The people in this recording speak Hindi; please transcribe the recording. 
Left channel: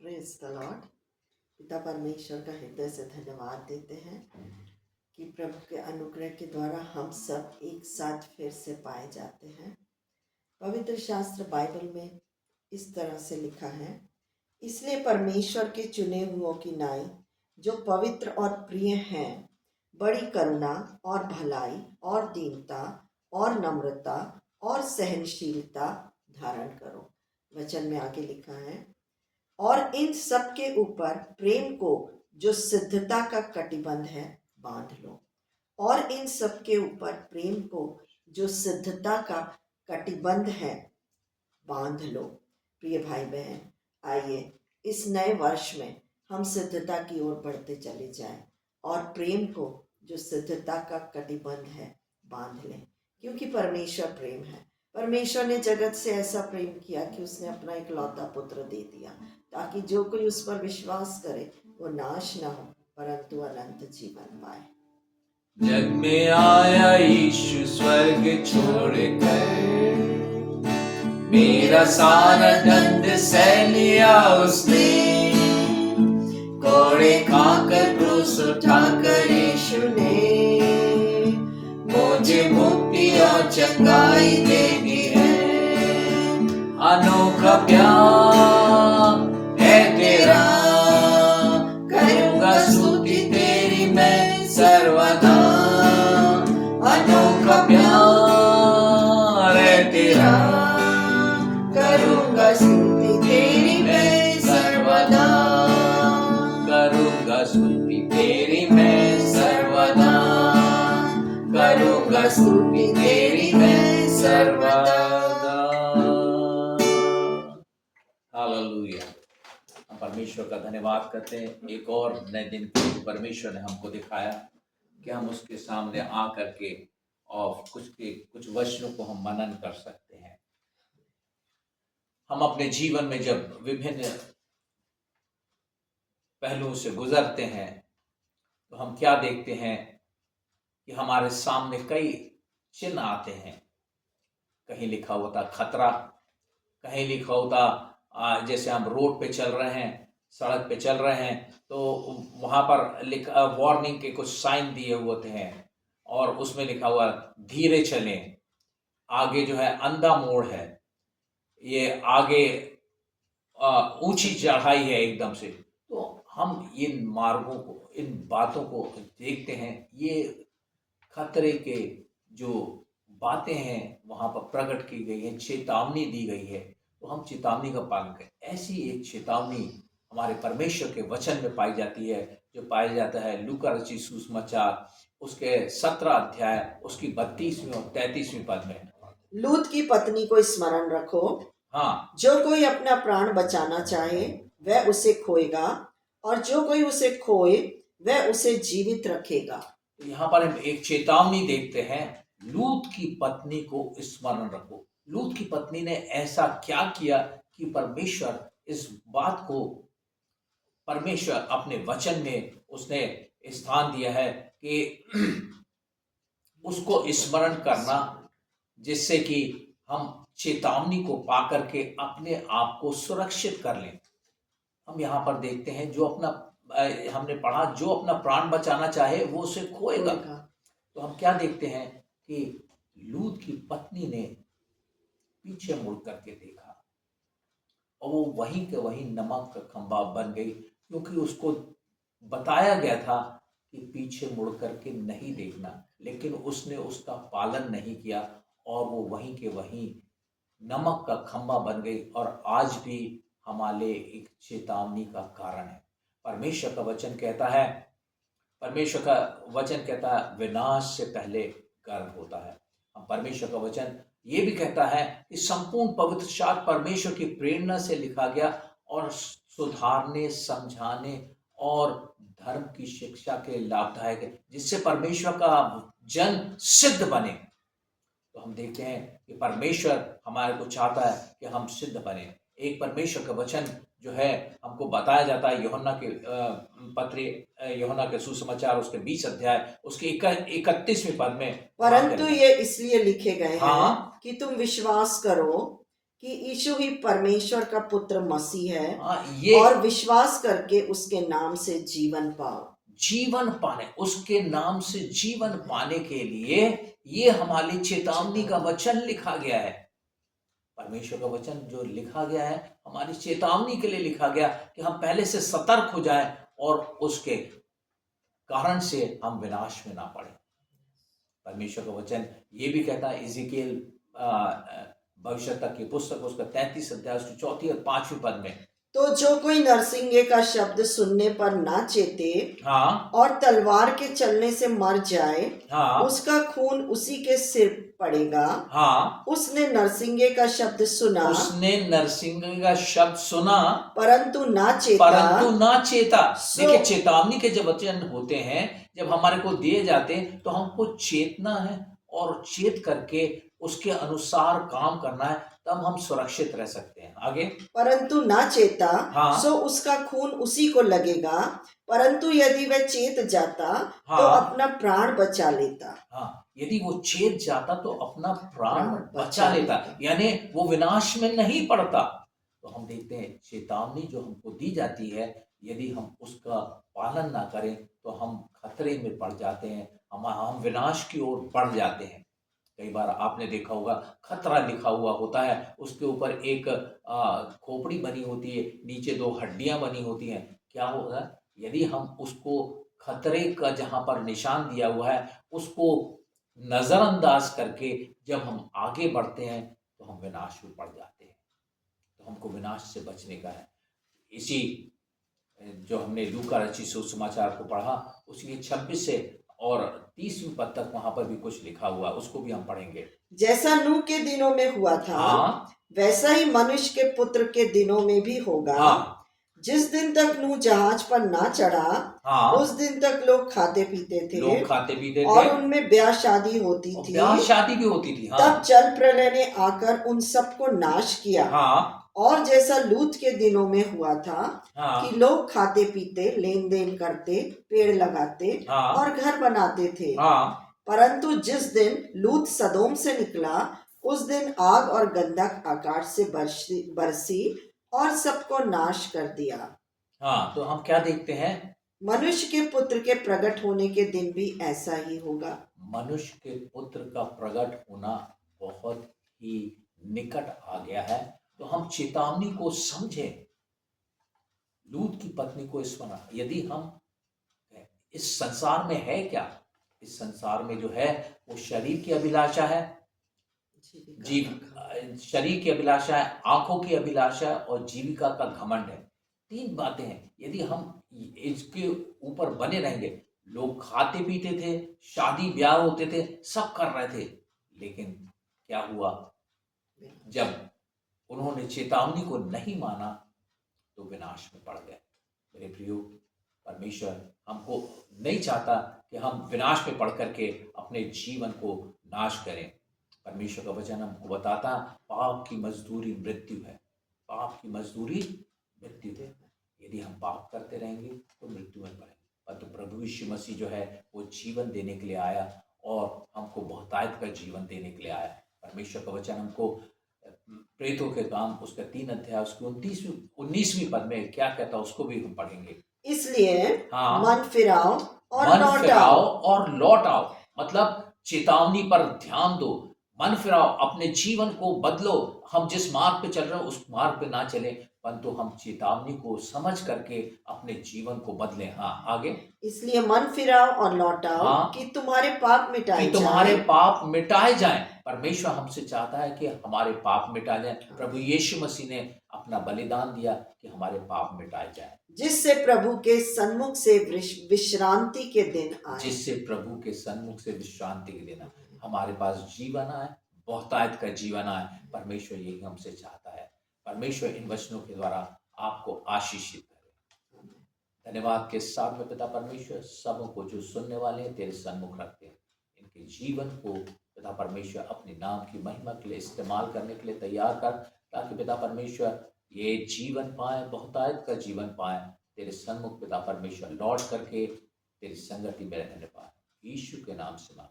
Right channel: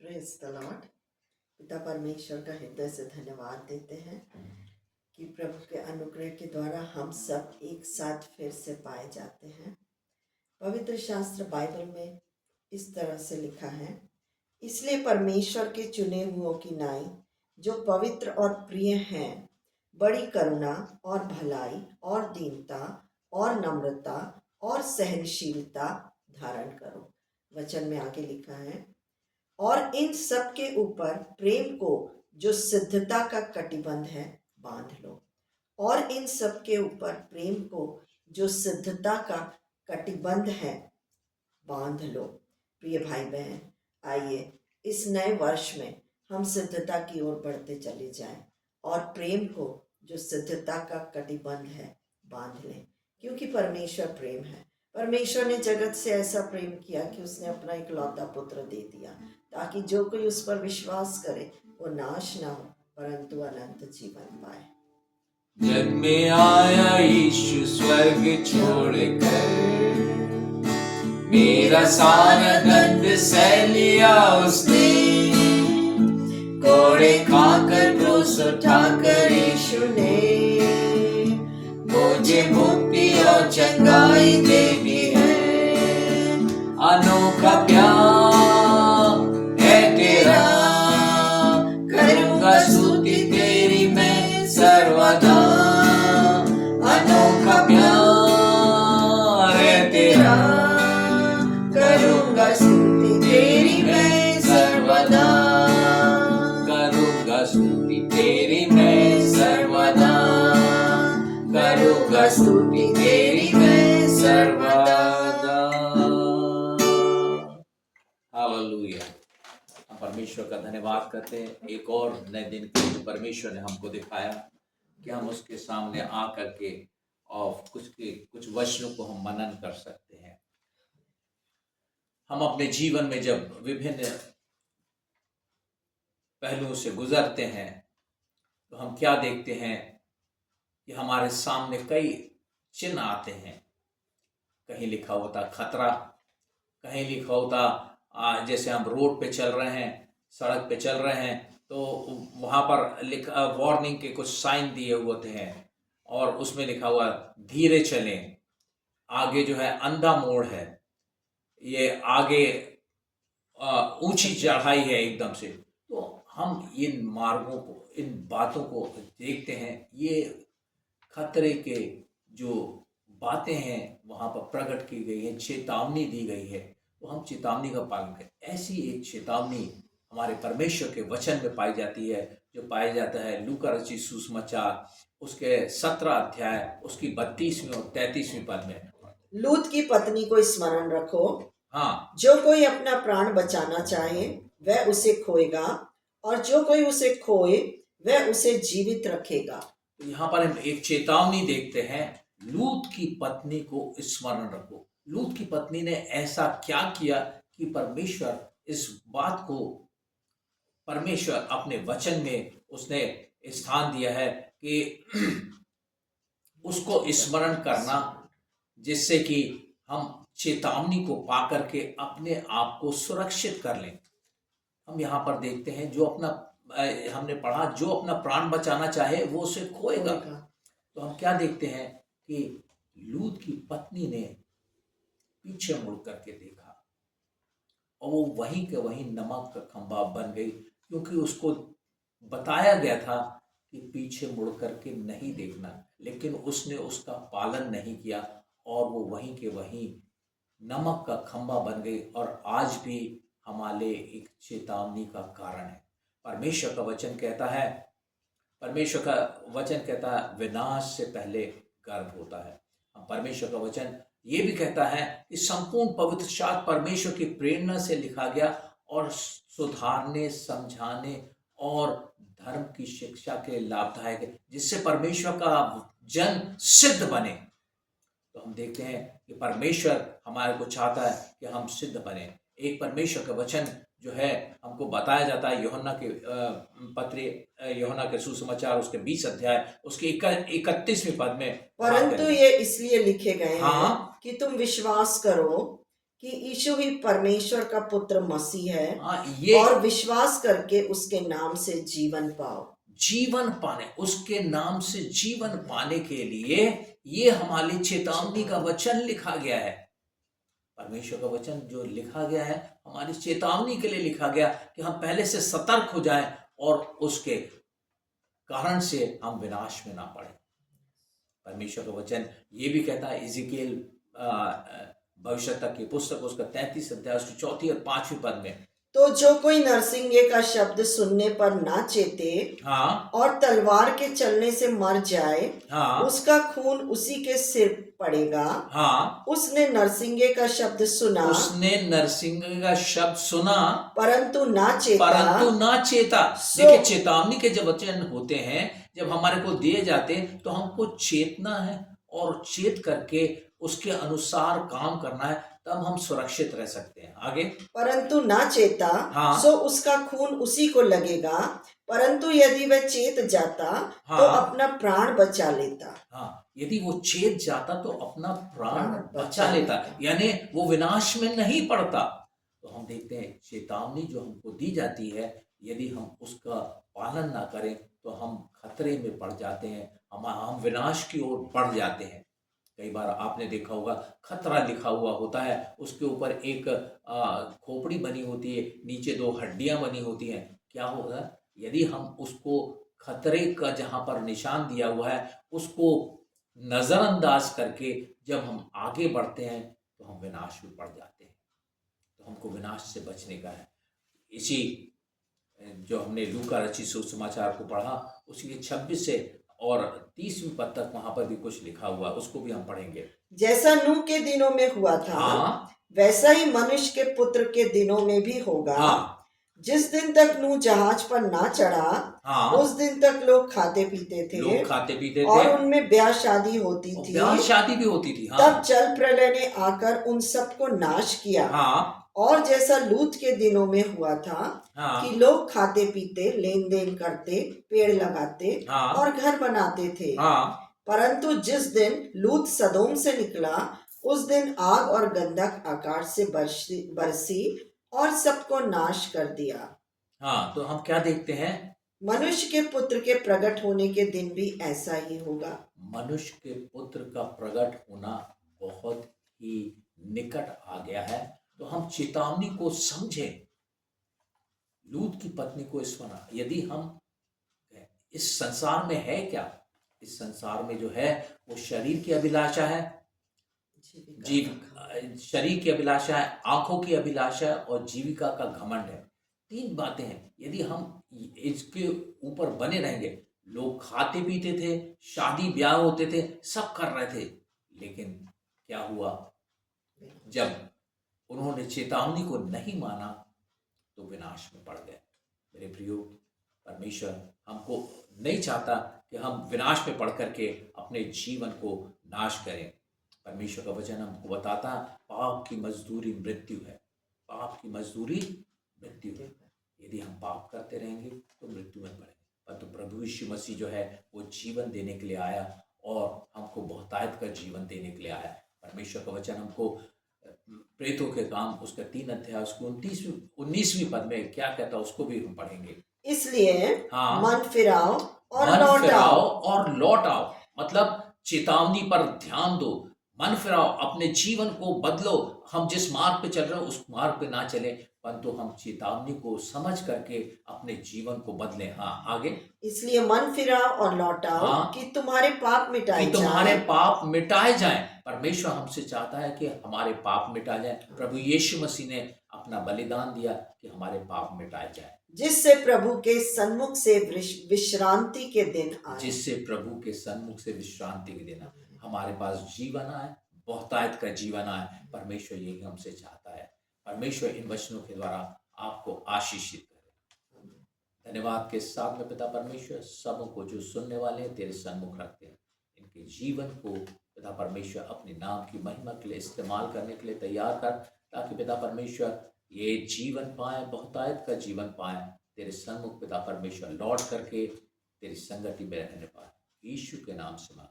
Praise the Lord. पिता परमेश्वर का हृदय से धन्यवाद देते हैं कि प्रभु के अनुग्रह के द्वारा हम सब एक साथ फिर से पाए जाते हैं। पवित्र शास्त्र बाइबल में इस तरह से लिखा है, इसलिए परमेश्वर के चुने हुओं की नाई जो पवित्र और प्रिय हैं, बड़ी करुणा और भलाई और दीनता और नम्रता और सहनशीलता धारण करो। वचन में आगे लिखा है, और इन सब के ऊपर प्रेम को जो सिद्धता का कटिबंध है बांध लो। और इन सब के ऊपर प्रेम को जो सिद्धता का कटिबंध है बांध लो। प्रिय भाई बहन, आइए इस नए वर्ष में हम सिद्धता की ओर बढ़ते चले जाएं और प्रेम को जो सिद्धता का कटिबंध है बांध लें, क्योंकि परमेश्वर प्रेम है। परमेश्वर ने जगत से ऐसा प्रेम किया कि उसने अपना इकलौता पुत्र दे दिया, ताकि जो कोई उस पर विश्वास करे वो नाश ना हो परंतु अनंत जीवन पाए। जग में आया यीशु स्वर्ग छोड़कर, मेरा सारा दंड सह लिया उसने। कोड़े खाकर क्रूस उठाकर यीशु ने मुझे मुक्ति और चंगाई दे दी है। अनोखा प्यार है तेरा, करूंगा स्तुति तेरी मैं सर्वदा। अनोखा प्यार है तेरा, करूंगा स्तुति तेरी मैं सर्वदा। करूंगा स्तुति तेरी मैं सर्वदा, करूंगा स्तुति तेरी मैं सर्वदा। हालेलुया। हम परमेश्वर का धन्यवाद करते हैं एक और नए दिन को परमेश्वर ने हमको दिखाया कि हम उसके सामने आ करके और कुछ वचनों को हम मनन कर सकते हैं। हम अपने जीवन में जब विभिन्न पहलुओं से गुजरते हैं तो हम क्या देखते हैं कि हमारे सामने कई चिन्ह आते हैं। कहीं लिखा होता खतरा, कहीं लिखा होता जैसे हम रोड पे चल रहे हैं, सड़क पे चल रहे हैं तो वहाँ पर वार्निंग के कुछ साइन दिए होते हैं और उसमें लिखा हुआ धीरे चलें, आगे जो है अंधा मोड़ है, ये आगे ऊंची चढ़ाई है एकदम से। तो हम इन मार्गों को, इन बातों को देखते हैं, ये खतरे के जो बातें हैं वहाँ पर प्रकट की गई है, चेतावनी दी गई है, तो हम चेतावनी का पालन करें। ऐसी एक चेतावनी हमारे परमेश्वर के वचन में पाई जाती है, जो पाया जाता है लूका रचित सुसमाचार उसके 17 अध्याय उसकी 32वीं और 33वीं पद में। लूत की पत्नी को स्मरण रखो। हाँ, जो कोई अपना प्राण बचाना चाहे वह उसे खोएगा, और जो कोई उसे खोए वह उसे जीवित रखेगा। तो यहाँ पर हम एक चेतावनी देखते हैं, लूत की पत्नी को स्मरण रखो। लूत की पत्नी ने ऐसा क्या किया कि परमेश्वर इस बात को, परमेश्वर अपने वचन में उसने स्थान दिया है कि उसको स्मरण करना, जिससे कि हम चेतावनी को पाकर के अपने आप को सुरक्षित कर लें। हम यहाँ पर देखते हैं जो अपना हमने पढ़ा, जो अपना प्राण बचाना चाहे वो उसे खोएगा। तो हम क्या देखते हैं कि लूत की पत्नी ने पीछे मुड़ करके देखा और वो वहीं के वहीं नमक का खंभा बन गई, क्योंकि उसको बताया गया था कि पीछे मुड़ करके नहीं देखना, लेकिन उसने उसका पालन नहीं किया और वो वहीं के वहीं नमक का खंभा बन गई। और आज भी हमारे एक चेतावनी का कारण है। परमेश्वर का वचन कहता है, परमेश्वर का वचन कहता है विनाश से पहले गर्भ होता है। परमेश्वर का वचन ये भी कहता है कि संपूर्ण पवित्र शास्त्र परमेश्वर की प्रेरणा से लिखा गया और सुधारने, समझाने और धर्म की शिक्षा के लाभदायक है, जिससे परमेश्वर का जन सिद्ध बने। तो हम देखते हैं कि परमेश्वर हमारे को चाहता है कि हम सिद्ध बने। एक परमेश्वर का वचन जो है हमको बताया जाता है यूहन्ना के पत्री, यूहन्ना के सुसमाचार उसके 20 अध्याय उसके 31वें पद में, परंतु ये इसलिए लिखे गए हैं कि तुम विश्वास करो कि यीशु ही परमेश्वर का पुत्र मसीह है हाँ, ये और विश्वास करके उसके नाम से जीवन पाओ। जीवन पाने, उसके नाम से जीवन पाने के लिए ये हमारे लिए चेतावनी का वचन लिखा गया है। परमेश्वर का वचन जो लिखा गया है हमारी चेतावनी के लिए लिखा गया कि हम पहले से सतर्क हो जाएं और उसके कारण से हम विनाश में ना पड़े। परमेश्वर का वचन ये भी कहता है, इज़िकियल भविष्यता की पुस्तक उसका 33 अध्याय उसकी 4 और 5 पद में, तो जो कोई नरसिंगे का शब्द सुनने पर ना चेते हाँ और तलवार के चलने से मर जाए, हाँ उसका खून उसी के सिर पड़ेगा। हाँ, उसने नरसिंगे का शब्द सुना उसने नरसिंह का शब्द सुना परंतु ना चेता। देखिए, चेतावनी के जब वचन होते हैं, जब हमारे को दिए जाते हैं तो हमको चेतना है और चेत करके उसके अनुसार काम करना है, तब हम सुरक्षित रह सकते हैं। आगे, परंतु ना चेता हाँ। सो उसका खून उसी को लगेगा, परंतु यदि वह चेत जाता तो हाँ। अपना प्राण बचा लेता। हाँ, यदि वो चेत जाता तो अपना प्राण बचा बचा लेता, लेता। यानी वो विनाश में नहीं पड़ता। तो हम देखते हैं चेतावनी जो हमको दी जाती है, यदि हम उसका पालन ना करें तो हम खतरे में पड़ जाते हैं, हम विनाश की ओर बढ़ जाते हैं। कई बार आपने देखा होगा खतरा लिखा हुआ होता है, उसके ऊपर एक खोपड़ी बनी होती है, नीचे 2 हड्डियां बनी होती हैं। क्या होगा, यदि हम उसको खतरे का जहाँ पर निशान दिया हुआ है उसको नज़रअंदाज करके जब हम आगे बढ़ते हैं तो हम विनाश में पड़ जाते हैं। तो हमको विनाश से बचने का है। इसी जो हमने लूका रचित सुसमाचार को पढ़ा, उसके 26 से और 30वीं पद तक वहां पर भी कुछ लिखा हुआ है, उसको भी हम पढ़ेंगे। जैसा नूह के दिनों में हुआ था, हाँ, वैसा ही मनुष्य के पुत्र के दिनों में भी होगा। हाँ, जिस दिन तक नूह जहाज पर ना चढ़ा, हाँ, उस दिन तक लोग खाते पीते थे, लोग खाते पीते और थे, उनमें ब्याह शादी होती और थी। ब्याह शादी भी होती थी। हाँ, तब जल प्रलय ने आकर उन सबको नाश किया। हाँ, और जैसा लूत के दिनों में हुआ था, हाँ, कि लोग खाते पीते, लेन देन करते, पेड़ लगाते, हाँ, और घर बनाते थे। हाँ, परंतु जिस दिन लूत सदोम से निकला, उस दिन आग और गंधक आकाश से बरसी और सबको नाश कर दिया। हाँ, तो हम क्या देखते हैं, मनुष्य के पुत्र के प्रकट होने के दिन भी ऐसा ही होगा। मनुष्य के पुत्र का प्रकट होना बहुत ही निकट आ गया है। तो हम चेतावनी को समझें, लूत की पत्नी को स्मरण। यदि हम इस संसार में है क्या, इस संसार में जो है वो शरीर की अभिलाषा है, शरीर की अभिलाषा है, आंखों की अभिलाषा है और जीविका का घमंड है। 3 बातें हैं। यदि हम इसके ऊपर बने रहेंगे, लोग खाते पीते थे, शादी ब्याह होते थे, सब कर रहे थे, लेकिन क्या हुआ, जब उन्होंने चेतावनी को नहीं माना तो विनाश में पड़ गए। मेरे प्रियो, परमेश्वर हमको नहीं चाहता कि हम विनाश में पड़ करके अपने जीवन को नाश करें। परमेश्वर का वचन हमको बताता, पाप की मजदूरी मृत्यु है, पाप की मजदूरी मृत्यु है। यदि हम पाप करते रहेंगे तो मृत्यु में पड़ेंगे। परंतु प्रभु यीशु मसीह जो है वो जीवन देने के लिए आया और हमको बहुतायत का जीवन देने के लिए आया। परमेश्वर का वचन हमको प्रेतों के काम उसका 3 अध्याय उसकी 19वीं पद में क्या कहता है, उसको भी हम पढ़ेंगे। इसलिए हाँ, मन फिराओ और मन लौट फिराओ आओ। और लौट आओ, मतलब चेतावनी पर ध्यान दो, मन फिराओ, अपने जीवन को बदलो। हम जिस मार्ग पे चल रहे हैं उस मार्ग पे ना चले, परंतु हम चेतावनी को समझ करके अपने जीवन को बदलें। हाँ, आगे, इसलिए मन फिराओ और लौट आओ, हाँ, कि तुम्हारे पाप मिटाए कि तुम्हारे जाएं। पाप मिटाए जाएं। परमेश्वर हमसे चाहता है कि हमारे पाप मिटाए जाएं। प्रभु यीशु मसीह ने अपना बलिदान दिया कि हमारे पाप मिटाए जाएं, जिससे प्रभु के सन्मुख से विश्रांति के दिन आए। जिससे प्रभु के सन्मुख से विश्रांति के दिन हमारे पास जीवन आए, बहुतायत का जीवन आए। परमेश्वर यही हमसे चाहता है। परमेश्वर इन वचनों के द्वारा आपको आशीषित करे। धन्यवाद के साथ में पिता परमेश्वर सबों को जो सुनने वाले हैं तेरे सन्मुख रखते हैं, इनके जीवन को पिता परमेश्वर अपने नाम की महिमा के लिए इस्तेमाल करने के लिए तैयार कर, ताकि पिता परमेश्वर ये जीवन पाए, बहुतायत का जीवन पाए, तेरे सन्मुख पिता परमेश्वर लौट करके तेरी संगति में रहने पाए। यीशु के नाम से मांग